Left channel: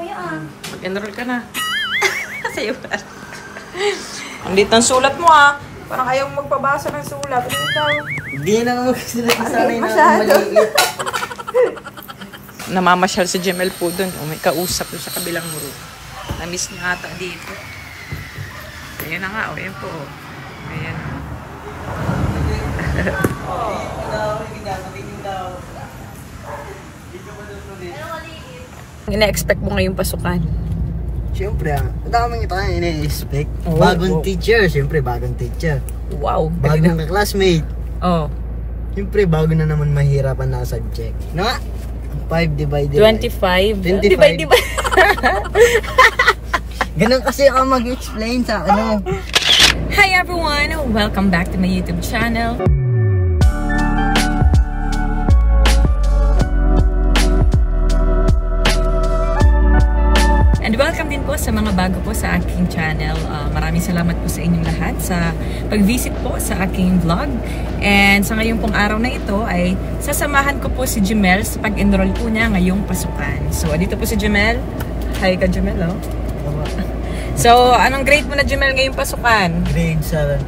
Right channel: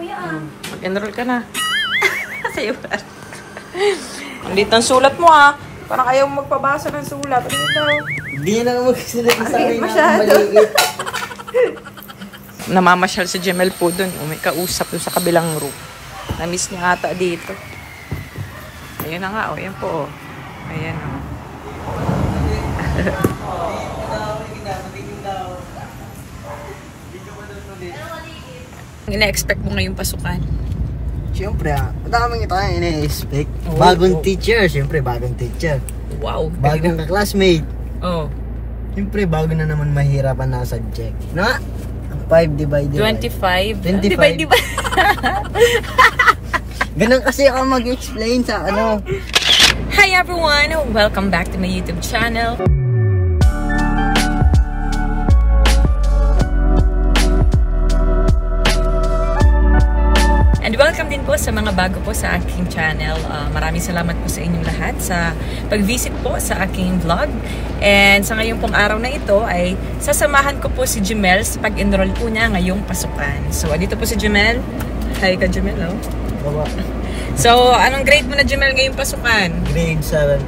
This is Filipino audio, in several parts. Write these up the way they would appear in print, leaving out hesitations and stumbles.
kuya ah. Mag-enroll ka na. Sa'yo ba? Ang lit ng sulat mo ah. Parang ayaw mo magpabasa ng sulat. Ano yun daw? Hindi na naman magsulat sa akin na masyado. maliit. Namamasyal si Jemel po dun. May kausap dun sa kabilang room. Na-miss niya ata dito. Ayan na nga. O, ayan po. Ayan o. Ina-expect mo ngayong pasukan? Siyempre ang daming ito nga ina-expect. Oh, Bagong teacher, siyempre bagong teacher. Wow. Bagong ka-classmate. Oh. Siyempre bago na naman mahirapan na subject. Na? 5 divided 25. 25. Diba? Ganun kasi ako mag-explain sa ano. Hi everyone! Welcome back to my YouTube channel. And welcome din po sa mga bago po sa aking channel. Maraming salamat po sa inyong lahat sa pag-visit po sa aking vlog. And sa ngayong pong araw na ito ay sasamahan ko po si Jemel sa pag-enroll po niya ngayong pasukan. So, dito po si Jemel. Hi ka Jemel, oh. Baba. So, anong grade mo na Jemel ngayong pasukan? Grade 7.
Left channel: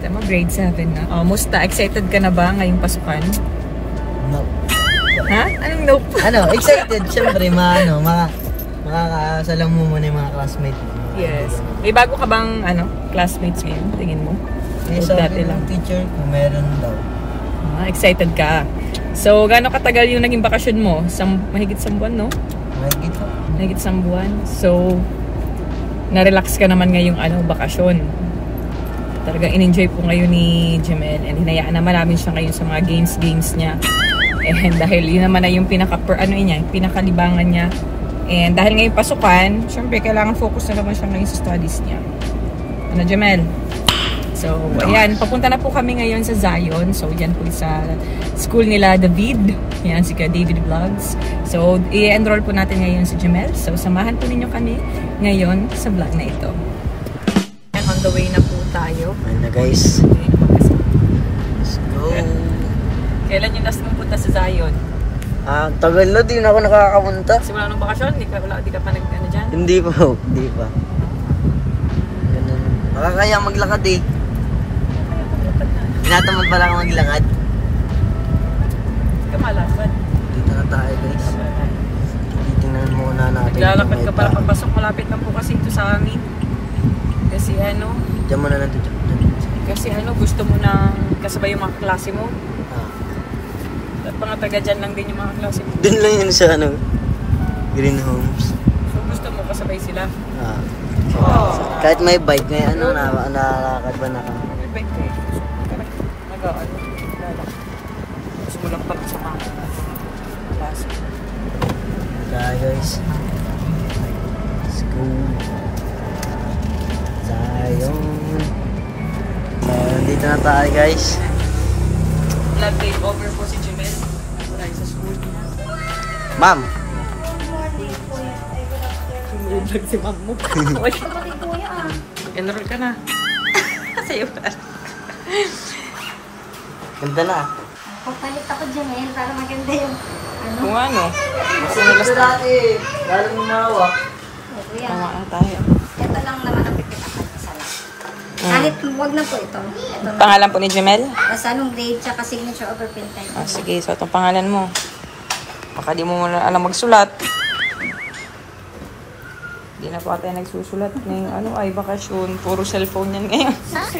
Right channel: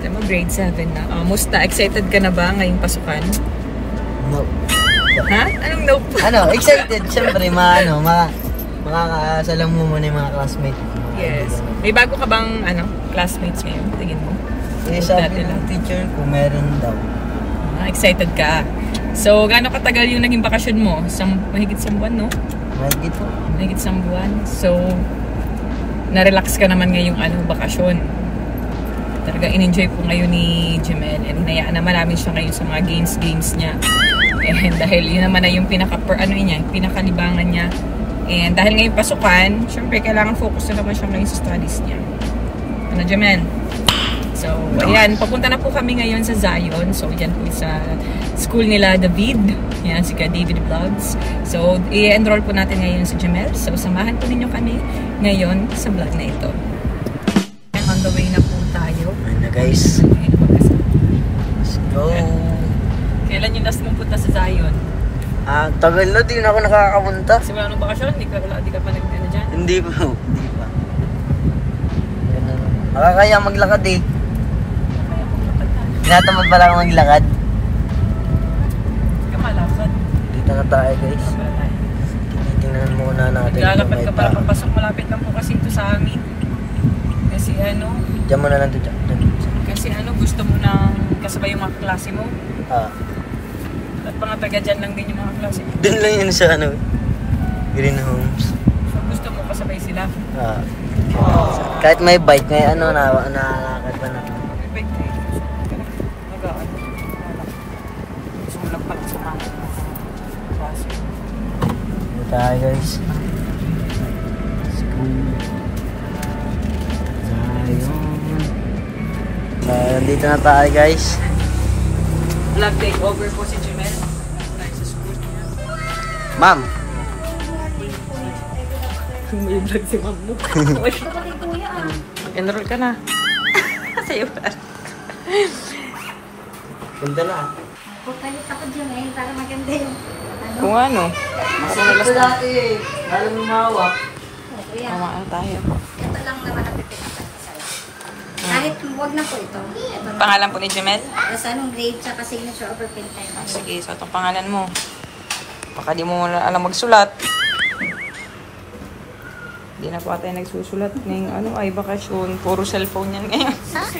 Kaya mo grade 7 na. Musta? Excited ka na ba ngayong pasukan? No. Ha? Anong nope? Ano, excited. Siyempre, makakasalam mo muna yung mga classmates. Yes. May bago ka bang classmates ngayon? Tingin mo? Eh, sabi ng teacher kung meron daw. Excited ka. So, gaano katagal yung naging bakasyon mo? Mahigit 1 buwan, no? Mahigit po. Mahigit 1 buwan. So, na-relax ka naman ngayong bakasyon. Talaga in-enjoy po ngayon ni Jemel. And hinayaan naman namin siya ngayon sa mga games niya. And dahil yun naman na yung pinakalibangan niya. And dahil ngayon pasukan, syempre kailangan focus na naman siya ngayon sa studies niya. Ano, Jemel? So, ayan, papunta na po kami ngayon sa Zion. So, yan po sa school nila, David. Yan, si David Vlogs. So, i-enroll po natin ngayon si Jemel. So, samahan po ninyo kami ngayon sa vlog na ito. On the way na po tayo. Ayun na guys. Let's go. Kailan yung last mo punta sa Zion? Tagal na, di na ako nakakapunta. Simula ng bakasyon? Di ka pa nag-ano dyan? Hindi pa. Ganun. Nakakaya maglakad eh. Tinatamad pala ako maglakad. Hindi ka malakad. Dito na tayo guys. Titingnan muna natin. Naglalakad ka para papasok. Malapit lang po kasi ito sa amin. Kasi Diyan mo na lang ito. Kasi gusto mo na kasabay yung mga klase mo. At mga taga dyan lang din yung mga klase mo. Doon lang yun sa Green Homes. So gusto mo kasabay sila? Kahit may bike ngayon, nakakad ba na? May bike ka. Gusto mo lang pala sa mga klase. Tayo guys. Let's go. Zion. Nandito na tayo guys. Vlog takeover po si Jemel. Ma'am. Vlog si ma'am mo. Kuya ah. Enroll ka na. Sa'yo ba? Ganda na. Papalit ako dyan ngayon para maganda yung Kung ano. Kasi nalas dati. Lalo mo mawak. kuya. Tawa na tayo. Ito lang naman ang pipin ako. Halit, huwag na po ito. Pangalan po ni Jemel? Basta anong grade tsaka signature over print time. Sige, so itong pangalan mo. Baka di mo alam magsulat. Hindi na po tayo nagsusulat ngayong ay bakasyon. Puro cellphone yan ngayon.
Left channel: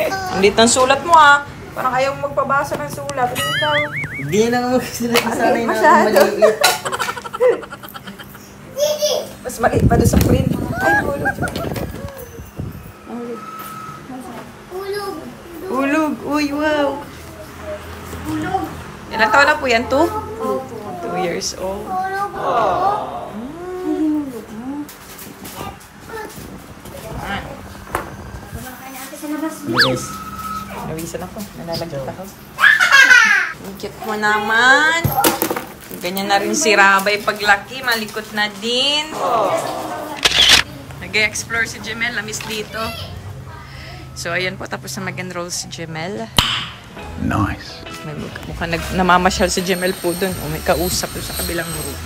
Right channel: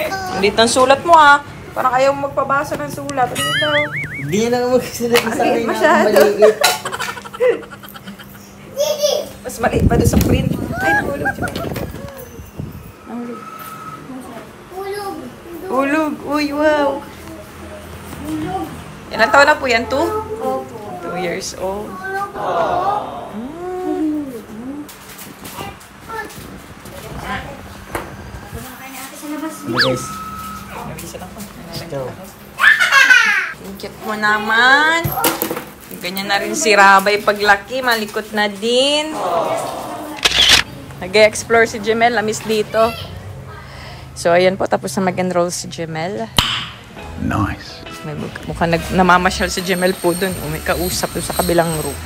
Ang lit ng sulat mo ah. Parang ayaw mo magpabasa ng sulat. Ano yun daw? Hindi na naman magsulat sa akin na masyado. maliit. Mas maliit pa doon sa print. Ay, nahulog. Nahulog. Ulog. Uy, wow. Ilang taon na po yan? 2? 2 years old. Guys. Nawisan ako. Nalagyan ako. Ang cute mo naman. Ganyan na rin si Rabay paglaki. Malikot na din. Nag-explore si Jemel. Namiss dito. So, ayan po. Tapos na mag-enroll si Jemel. Nice. Mukhang namamasyal si Jemel po dun. May kausap doon sa kabilang room.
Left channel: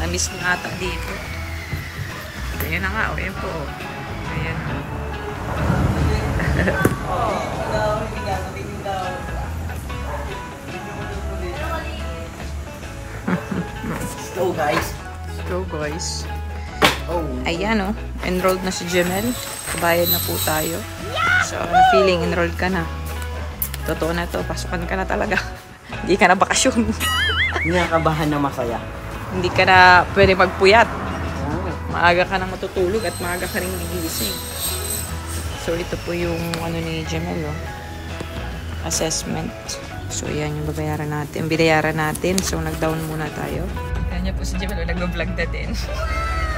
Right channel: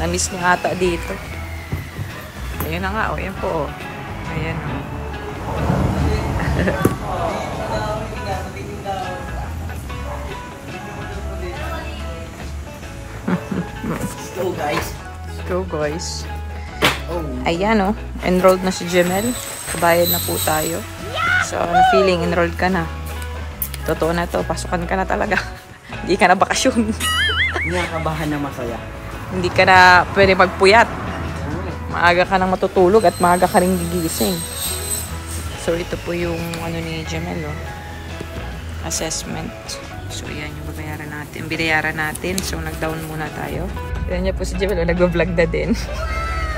Namiss niya ata dito. Yan na nga, yan po. Ayan o. Let's go, guys. Let's go, guys. Oh. Ayan o. Enrolled na si Jemel. Kabayad na po tayo. So, ano feeling? Enrolled ka na. Totoo na to. Pasukan ka na talaga. Hindi ka na bakasyon. Hindi ka kabahan na masaya. Hindi ka na pwede magpuyat. Maaga ka nang matutulog at maaga ka rin gigising. So, ito po yung ano ni Jemel, oh. Assessment. So, yan yung babayaran natin. Binayaran natin. So, nag-down muna tayo. Yan niya po si Jemel, nag-vlog na din.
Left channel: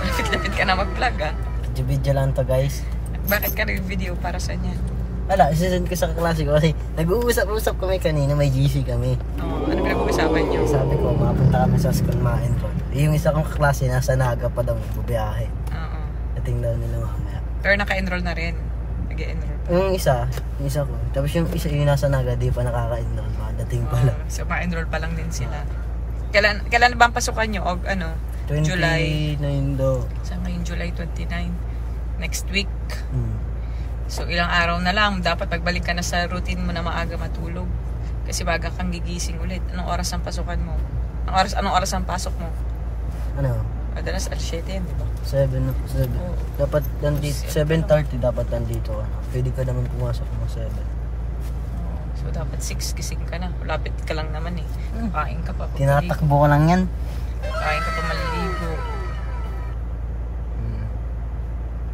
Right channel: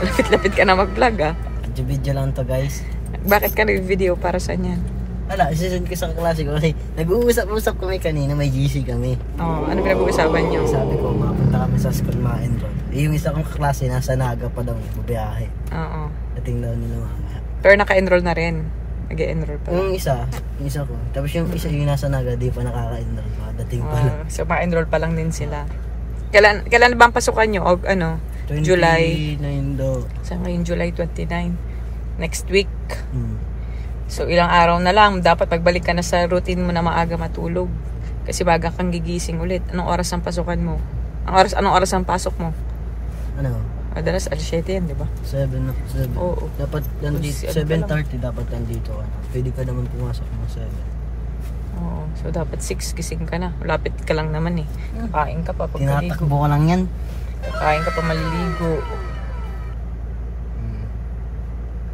Lapit-lapit ka na mag-vlog, ah. Video lang to, guys. Bakit ka nag-video para saan yan? Wala, isasend ko sa klase ko kasi nag-uusap-usap kami kanina, may GC kami. Oh, ano pinag-uusapan niyo? Sabi ko, mapunta kami sa school ma-enroll. Yung isa kong kaklase, nasa Naga pa daw, bubiyahe. Oo. Dating daw nila mamaya. Pero naka-enroll na rin. Nag-enroll pa. Yung isa ko. Tapos yung isa yung nasa Naga, di pa nakaka-enroll. Dating pa lang. So, ma-enroll pa lang din sila. Kailan ba ang pasukan nyo? O ano? 29 July. daw. Sa ngayon, July 29. Next week. So, ilang araw na lang. Dapat pagbalik ka na sa routine mo na maaga matulog. Kasi baga kang gigising ulit. Anong oras ang pasukan mo? Anong oras ang pasok mo? Ano? Madalas alas 7 yan, di ba? 7 na. 7. Oo. Dapat nandito, 7:30 dapat nandito. Ano? Pwede ka naman pumasok mo 7. So, dapat 6 gising ka na. Malapit ka lang naman eh. Kain ka pa. Tinatakbo ko lang yan. Kain ka pa maliligo.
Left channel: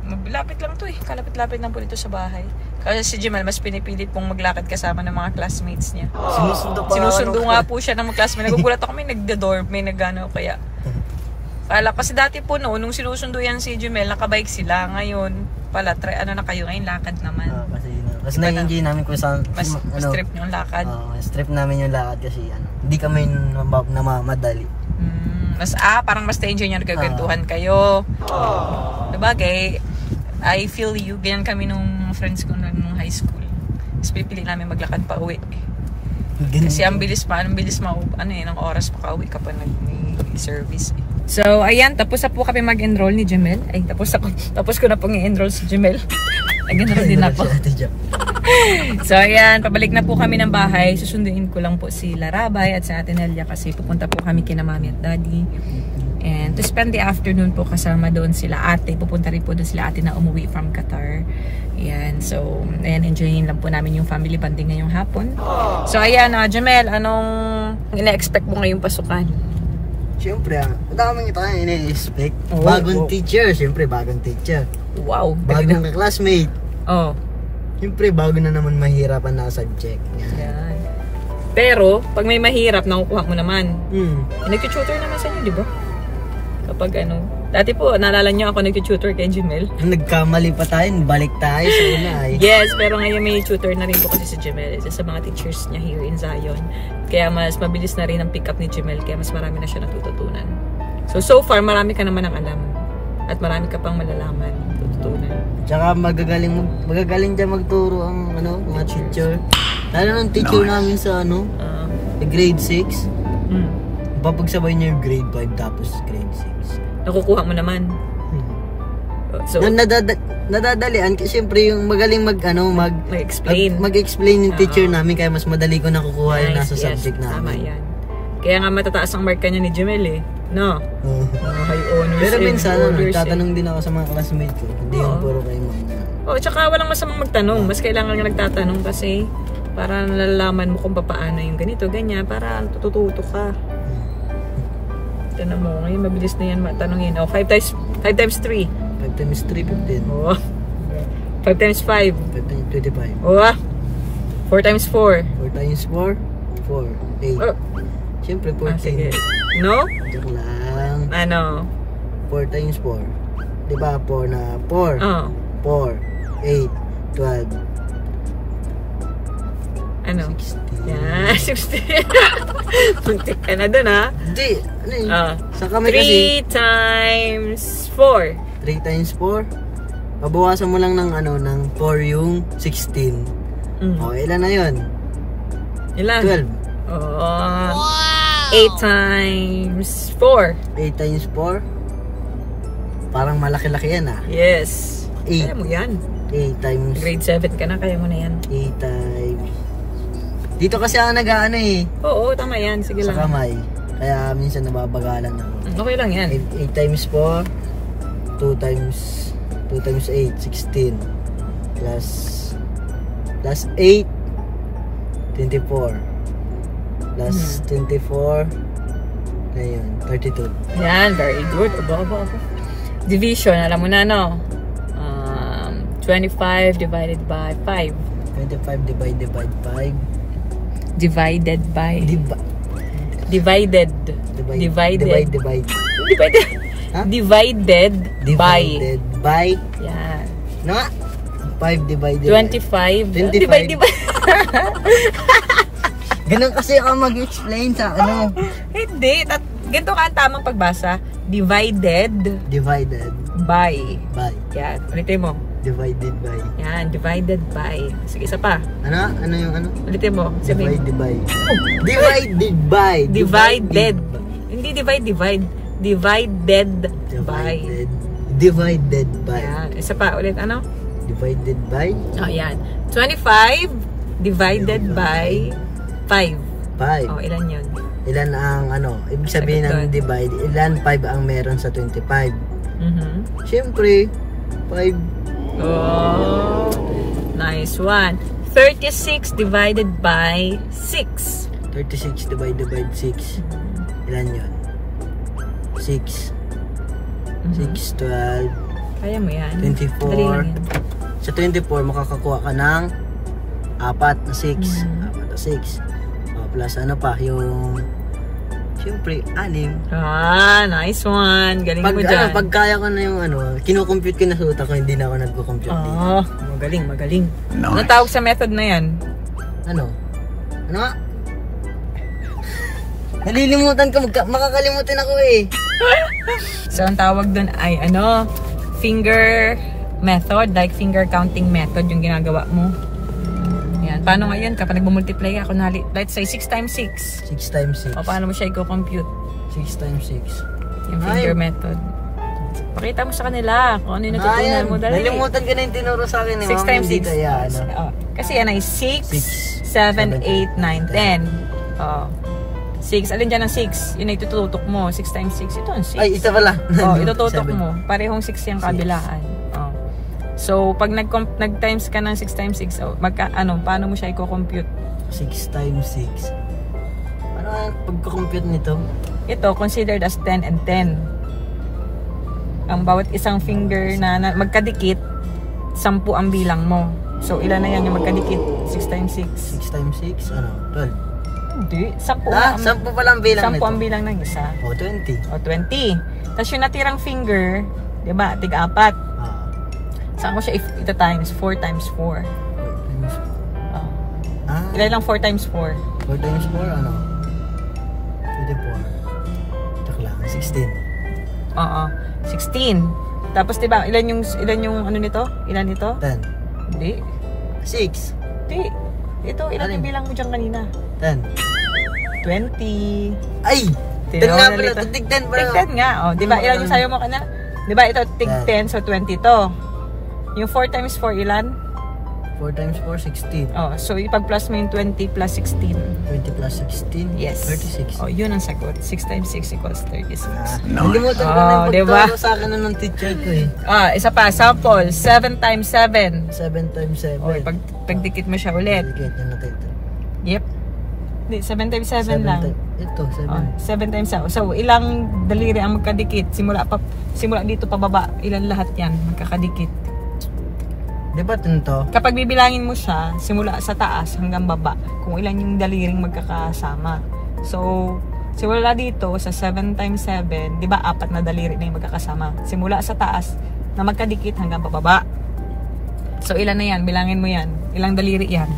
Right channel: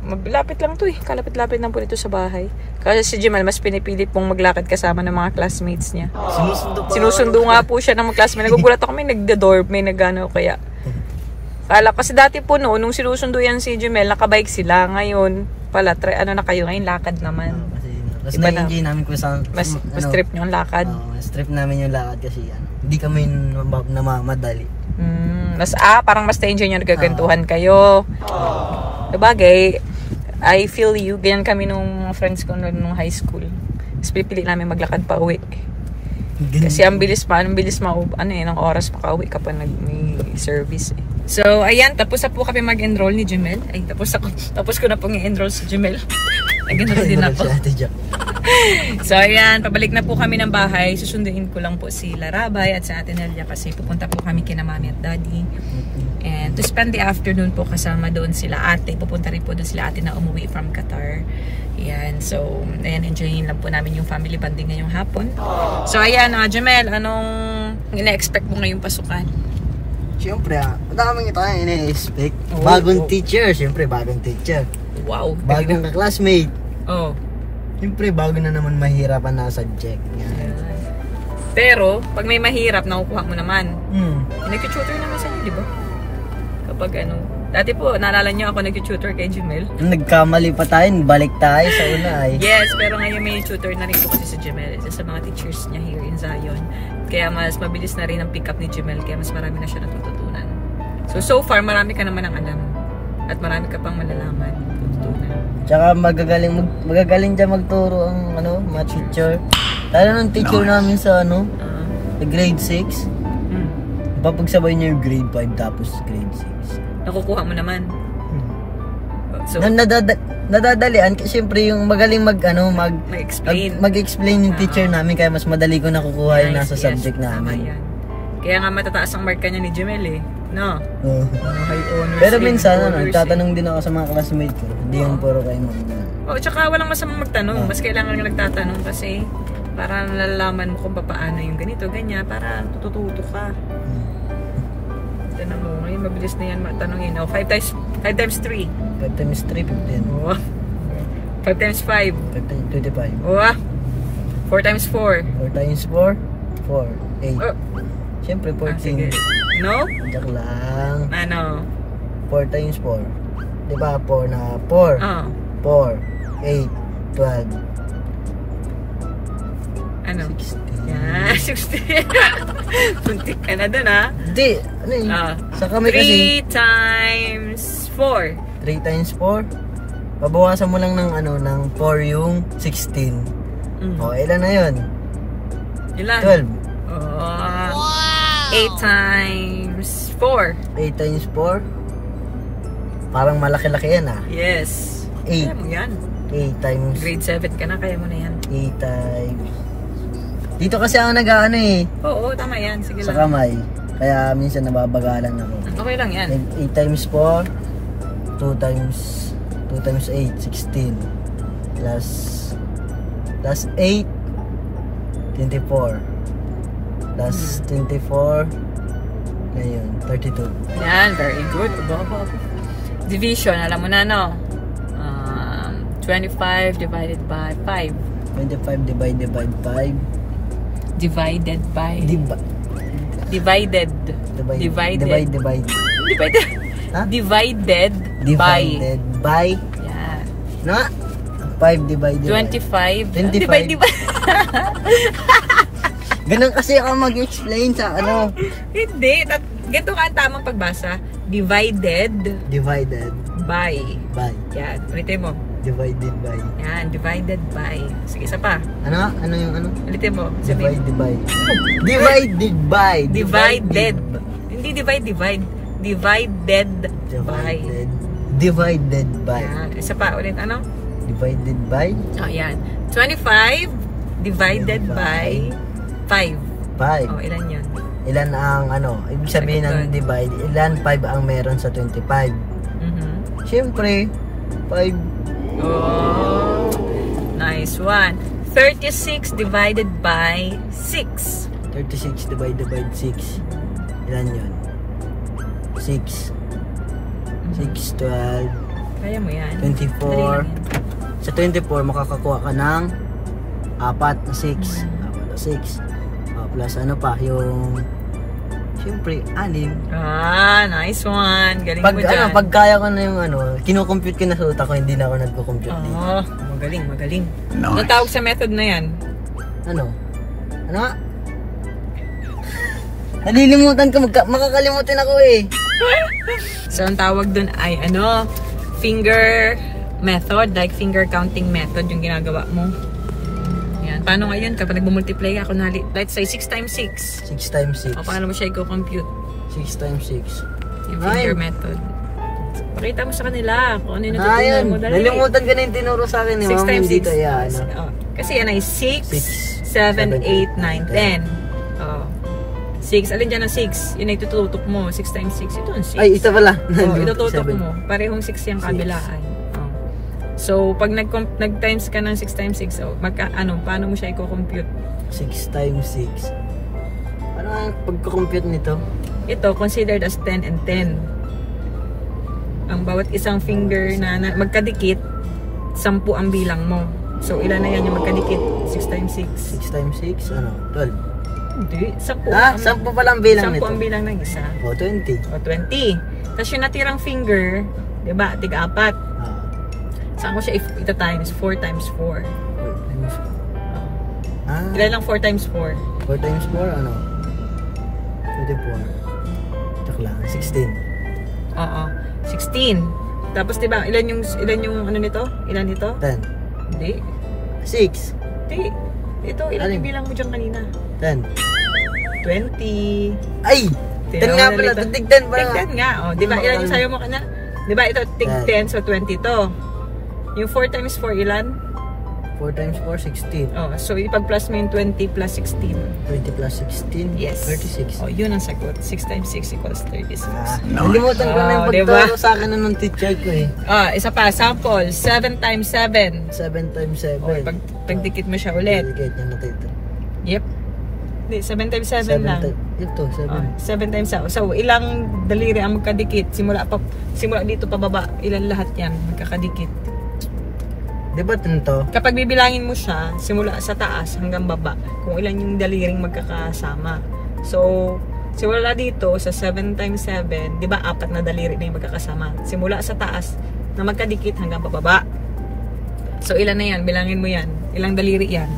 Maglapit lang to eh. Kalapit-lapit lang po ito sa bahay. Kasi si Jemel, mas pinipilit pong maglakad kasama ng mga classmates niya. Sinusundo nga po siya ng mga classmates. Nagugulat ako, may nagda-dorm, may nagano kaya. Kala, kasi dati po nung sinusundo yan si Jemel, nakabike sila. Ngayon, pala, ano na kayo ngayon, lakad naman. Kasi na-enjoy namin kung saan... Mas strip nyo ang lakad. Strip namin yung lakad kasi hindi kami namamadali. Parang mas na-enjoy nyo, nagagantuhan kayo. Sabagay, I feel you. Ganyan kami nung friends ko nung high school. Tapos pipili namin maglakad pa uwi. Kasi ang bilis ng oras pa uwi kapag nag-service. So, ayan, tapos na po kami mag-enroll ni Jemel. Ay, tapos ko na pong i-enroll si Jemel. Nag-enroll din ako. So, ayan, pabalik na po kami ng bahay. Susunduin ko lang po si Larabay at sa Ate Nelia kasi pupunta po kami kina Mami at Daddy. And to spend the afternoon po kasama doon sila ate. Pupunta rin po doon sila ate na umuwi from Qatar. Ayan, so, ayan, enjoying lang po namin yung family bonding ngayong hapon. So, ayan, Jemel, anong ina-expect mo ngayong pasukan? Siyempre, ang daming ito yung ina-expect. Bagong teacher, siyempre, bagong teacher. Wow. Bagong classmate. Oh. Siyempre, bago na naman mahirapan na subject. Yeah. Pero, pag may mahirap, nakukuha mo naman. Nag-tutor naman sa di ba? Kapag ano. Dati po, naalala niyo ako nag-tutor kay Jemel. Nagkamali pa tayo, balik tayo sa una ay. Yes, pero ngayon may tutor na rin po kasi si Jemel. Isa sa mga teachers niya here in Zion. Kaya mas mabilis na rin ang pick up ni Jemel. Kaya mas marami na siya natututunan. So far, marami ka naman ang alam. At marami ka pang malalaman. Tututunan. Tsaka magagaling dyan magturo ang mga teacher. Lalo ng teacher namin sa grade 6. Papagsabay niya yung grade 5 tapos grade 6. Nakukuha mo naman. So, nadadalian kasi siyempre yung magaling mag-explain yung teacher namin kaya mas madali ko nakukuha yung nasa subject namin. Tama yan. Kaya nga matataas ang mark niya ni Jemel eh. No? Pero minsan nagtatanong din ako sa mga classmates ko. Hindi yung puro kayo tsaka walang masamang magtanong. Mas kailangan nga nagtatanong kasi para nalalaman mo kung paano yung ganito, ganyan. Para tututo ka. Tinan mo, ngayon mabilis na yan matanongin. 5 times 3. 5 times 3, 15. 5 times 5. 5 times 25. 4 times 4. 4 times 4, 8. Siyempre 14. Sige. No? Joke lang. Ano? 4 times 4. Diba 4 na 4? 4, 8, 12. Ano? 16. Puntik ka na dun ha? Hindi. Ano yun? Sa kami kasi 3 times 4. 3 times 4. Pabawasan mo lang ng ng 4 yung 16. Ilan na yun? Ilan? 12. Wow! 8 times 4. 8 times 4. Parang malaki-laki yan ah. Yes. Kaya 8. mo yan. 8 times. Grade 7 ka na, kaya mo na yan. 8 times. Dito kasi ako nag-ano eh. Oo, tama yan. Sige Sa lang. kamay. Kaya minsan nababagalan ako. Okay lang yan. 8 times 4. 2 times 8. 16. Plus 8. 24. Plus 24. Ayun, 32. Yan, very good. Aba. Division, alam mo na, no? 25 divided by 5. 25 divided by 5. Divided by... Divided. Divide. Divided. Huh? Divided by... Divided by... Yan. No? 5 divided 25. 25. Divide. Ganun kasi ako mag-explain sa ano. Hindi. Ganito ka ang tamang pagbasa. Divided Divided by. by. Yan. Ulitin mo. Divided by. Yan. Divided by. Sige, isa pa. Ano? Ano yung ano? Ulitin mo. Sabihin. Divided by. Divided by. Divided. Hindi divide. Divided by. Divided by. Yan. Isa pa. Ulit. Ano? Divided by. Oh, yan. 25 divided by 5. 5. Oh, ilan yun? Ilan ang ano? Ibig sabihin ng divide. Ilan 5 ang meron sa 25. Siyempre, 5. Oh, nice one. 36 divided by 6. 36 divided by 6. Ilan yun? 6. 6, 12. Kaya mo yan. 24. Sa 24, makakakuha ka ng 4 na 6. 4 na 6. Plus ano pa, yung... Siyempre, 6. Ah, nice one. Galing mo dyan. Pag kaya ko na yung ano, kinukompute ko na sa utak ko, hindi na ako nagko-compute dito. Oh, magaling. Nice. Ano tawag sa method na yan? Ano? Ano nga? Nalilimutan ko, makakalimutan ako eh. So, ang tawag dun ay ano, finger method, like finger counting method yung ginagawa mo. Yan. Paano ngayon kapag nag-multiply ako na, let's say 6 times 6. 6 times 6. O paano mo siya i-compute? 6 times 6. Yung finger method. Pakita mo sa kanila kung ano yung natutunan Ayan, mo. Dali. nalimutan ko na yung tinuro sa akin. 6 times 6. Dito, yan. Oh, kasi yan ay 6, 7, 8, 9, 10. Oh. 6. Alin dyan ang 6? Yun ay tututok mo. 6 times 6. Ito ang 6. Ay, isa pala. Oh, itututok mo. Parehong 6 yung kabilaan. Oh. So, pag nag-times ka ng 6 times 6, so, paano mo siya i-compute? 6 times 6. Ano ang pagko-compute nito? Ito, considered as 10 and 10. Ang bawat isang finger na magkadikit, 10 ang bilang mo. So, ilan na yan yung magkadikit? 6 times 6. 6 times 6, ano? 12. Hindi, 10. 10 pala ang bilang 10 nito. ang bilang ng isa. O, 20. O, 20. Tapos yung natirang finger, di ba, tig-apat. Saan mo siya ito times? 4 times 4. Ilan lang 4 times 4? 4 times 4, ano? 24. Ito lang, 16. Oo, 16. Tapos diba, ilan yung ano nito? Ilan nito? 10. Hindi. 6. Hindi. Ito, ilan yung bilang mo dyan kanina? 10. 20. Ay! 10 nga pala, tig 10 pala. Tig 10 nga. O, diba, ilan yung sayo mo kana? Diba, ito, tig 10, so 20 to. Yung 4 times 4, ilan? 4 times 4, 16. Oh, so ipag-plus mo yung 20 plus 16. 20 plus 16, Yes. 36. Oh, yun ang sagot. 6 times 6 equals 36. Nalimutan ko na yung diba? pagturo sa akin ng teacher ko eh. Ah, isa pa, sample. 7 times 7. 7 times 7. Pagdikit mo siya ulit. Delicate yung natito. Yep. Hindi, 7 times 7 lang. Ito, 7. 7 times 7. So, ilang daliri ang magkadikit? Simula dito pababa, ilan lahat yan magkakadikit? Di ba ito? Kapag bibilangin mo siya, simula sa taas hanggang baba, kung ilan yung daliring magkakasama. So, simula dito sa 7 times 7, di ba 4 na daliri na yung magkakasama. Simula sa taas na magkadikit hanggang bababa. So, ilan na yan? Bilangin mo yan. Ilang daliri yan?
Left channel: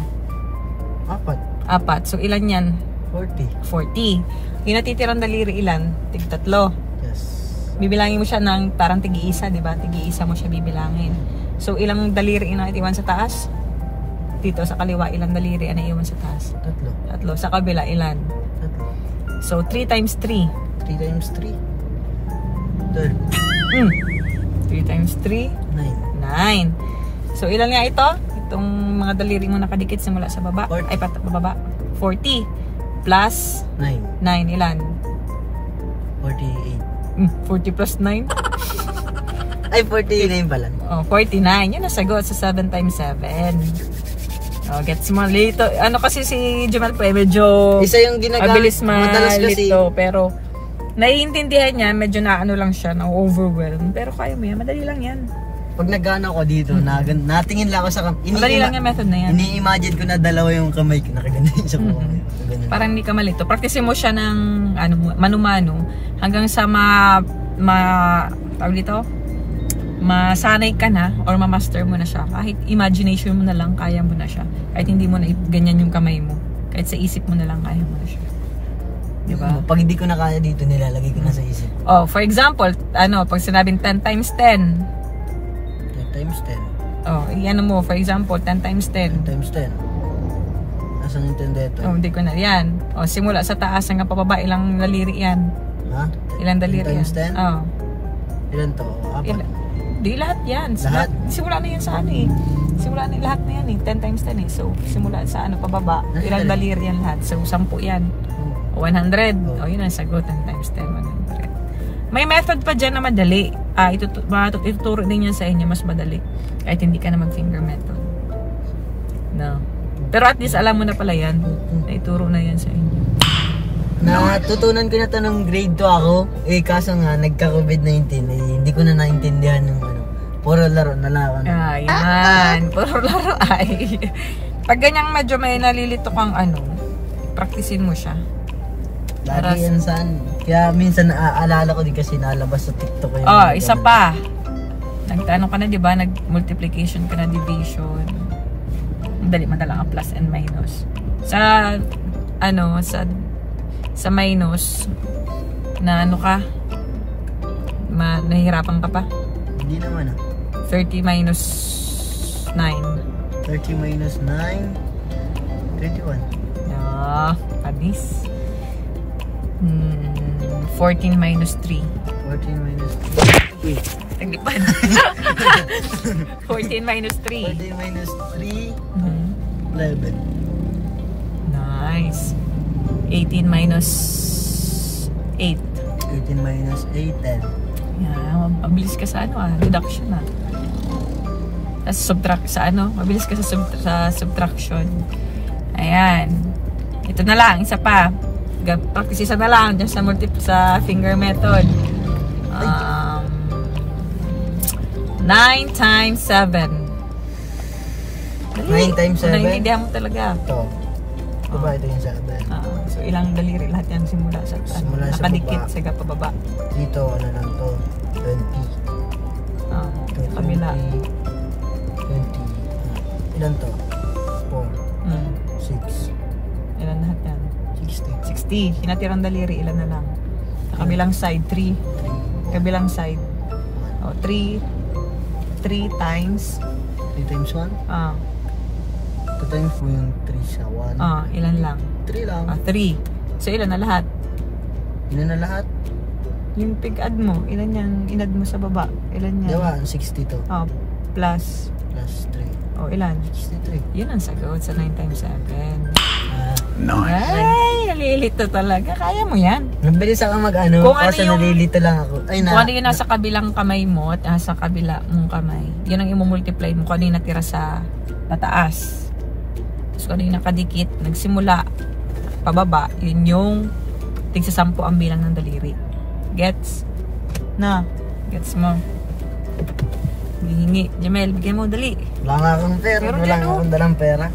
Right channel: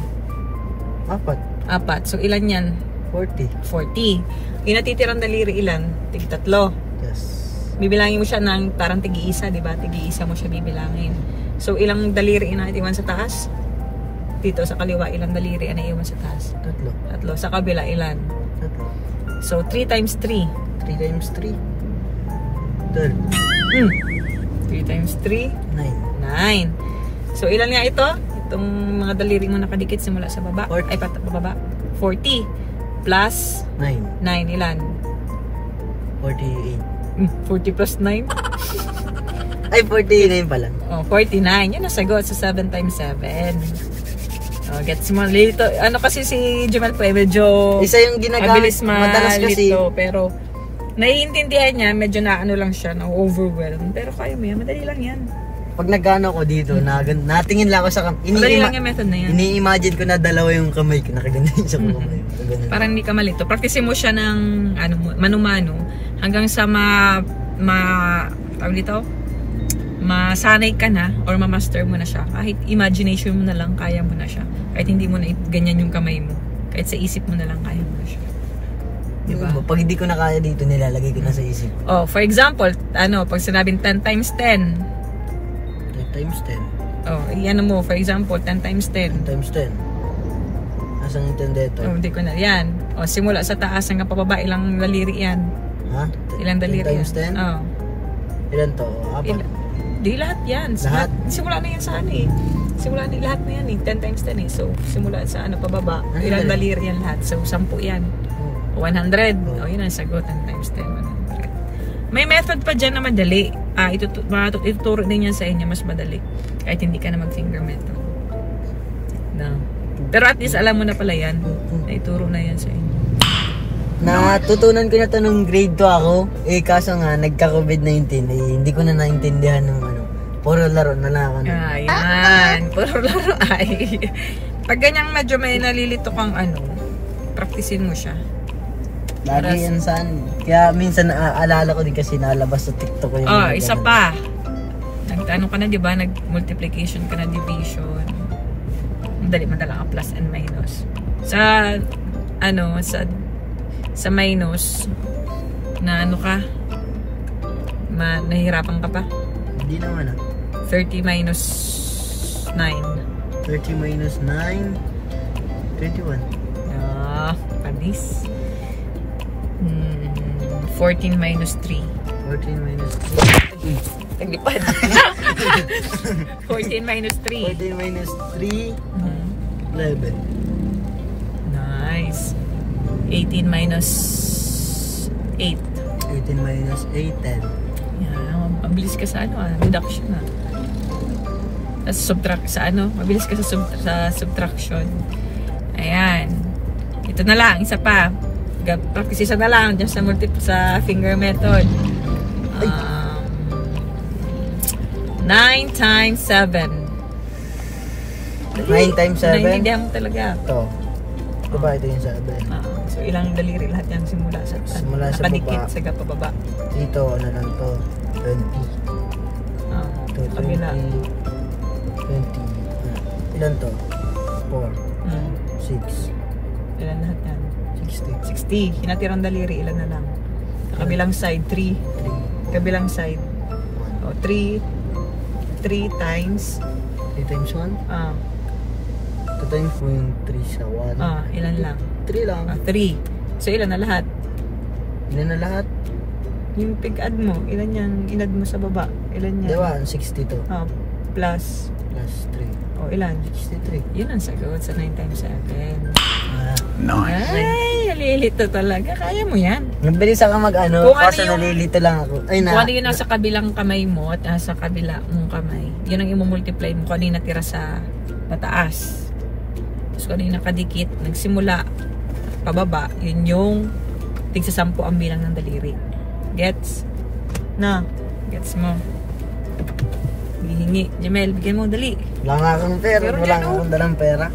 4. 4. So, ilan yan? 40. 40. Yung natitirang daliri ilan? Tig-3. Yes. Bibilangin mo siya ng parang tig-iisa, di ba? Tig-iisa mo siya bibilangin. So, ilang daliri na iwan sa taas? Dito sa kaliwa, ilang daliri na iwan sa taas? 3. 3. Sa kabila, ilan? 3. So, 3 times 3. 3 times 3. 12. times 3? 9. So, ilan nga ito? Itong mga daliri mo nakadikit simula sa baba. 40. Ay, pababa. 40. Plus 9. 9. Ilan? 48. 40 plus 9? Ay, 49 pa lang. Oh, 49. Yun ang sagot sa 7 times 7. Oh, gets mo. Lito. Ano kasi si Jemel po, medyo Isa yung ginagamit. mabilis Madalas kasi. malito. Pero, naiintindihan niya, medyo na-ano lang siya, na-overwhelm. Pero kaya mo yan, madali lang yan. Pag nagano ko dito, natingin lang ako sa Madali lang yung method na yan. Ini-imagine ko na dalawa yung kamay ko, nakaganyan sa kamay. Parang hindi ka malito. Practice mo siya ng ano, manu-mano hanggang sa tawag dito, masanay ka na or ma-master mo na siya. Kahit imagination mo na lang, kaya mo na siya. Kahit hindi mo na ganyan yung kamay mo. Kahit sa isip mo na lang, kaya mo na siya. Diba? Pag hindi ko na kaya dito, nilalagay ko na sa isip. Oh, for example, pag sinabing 10 times 10. 10 times 10. Oh, iyan mo, for example, 10 times 10. 10 times 10. Asang yung 10 dito? Oh, hindi ko na. Yan. Oh, simula sa taas hanggang pababa, ilang daliri yan? Ha? Ilang daliri 10 times yan? 10? Oh. Ilan to? Apat? Di lahat yan. Lahat? Simula na yan sa ano eh. Simula na lahat na yan eh. 10 times 10 eh. So, simula sa pababa. Ano Ilang yan? daliri yan lahat. So, 10 yan. Oh. 100. Oh. O, yun ang sagot. 10 times 10, 100. May method pa dyan na madali. Ituturo din yan sa inyo. Mas madali. Kahit hindi ka na mag-finger method. No. Pero at least alam mo na pala yan. Ituro na yan sa inyo. Natutunan ko na to nung grade 2 ako. Kaso nga, nagka-COVID-19. Hindi ko na naintindihan ng puro laro na lang ako. Ayan. Puro laro ay. Pag ganyang medyo may nalilito kang practicein mo siya. Lagi yan saan. Kaya minsan naaalala ko din kasi nalabas sa TikTok ko. Isa pa. Nagtanong ka na, di ba? Nag-multiplication ka na, division. Madali ang plus and minus. Sa minus, na nahihirapan ka pa? Hindi naman 30 minus 9. 30 minus 9, 21. Panis. 14 minus 3. 14 minus 3. Taglipad. 14 minus 3. 14 minus 3, 11. Nice. 18 minus 8. 18 minus 8, 10. Yeah, mabilis ka sa reduction mabilis ka sa subtraction. Ayan. Ito na lang, isa pa. Practice isa na lang dyan sa finger method. 9 times 7. 9 times 7? Naiintindihan mo talaga. Ito. Ito ba? Ito yung 7. So, ilang daliri lahat yan simula sa nakadikit baba. sa pababa. Dito, ano lang to? 20. Ito, kabila. 20. Ilan to? 4. 6. Ilan lahat yan? 60. 60. Hinatirang daliri, ilan na lang? Sa kabilang side, 3. Kabilang side. 3 times 3 times 1? 2 times mo yung 3 sa 1. Ilan lang? 3 lang. 3. So, ilan na lahat? Ilan na lahat? Yung pig-add mo, ilan yan? In-add mo sa baba. Ilan yan? Diba? 62. Plus. Plus 3. Ilan? 63. Yun ang sagot sa 9 times 7. Nice. Ay, nalilito talaga. Kaya mo yan. Nabilis ako kasi nalilito lang ako. Kung ano yun nasa kabilang kamay mo at nasa kabilang kamay, yun ang imumultiply mo kung ano yung natira sa pataas. Tapos kung ano yung nakadikit, nagsimula pababa, yun yung tigsa 10 ang bilang ng daliri. Gets? Gets mo? Gihingi. Jemel, bigyan mo, dali. Wala nga akong pera. Wala nga akong dalang pera.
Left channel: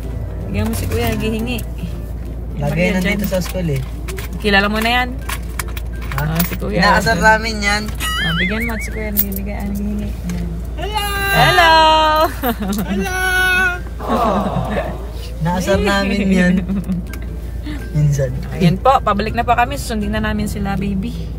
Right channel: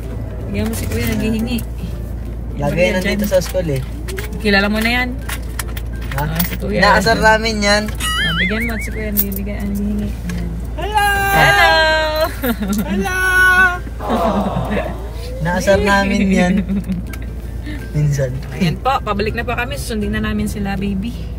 Bigyan mo si Kuya, gihingi. Lagay nandito sa school Kilala mo na yan? Ha? Si Kuya. Inaasar namin yan. Bigyan mo at si Kuya, bigyan ang gihingi. Hello! Hello! Inaasar namin yan. Minsan. Ayan po, pabalik na po kami. Susundin na namin sila, baby.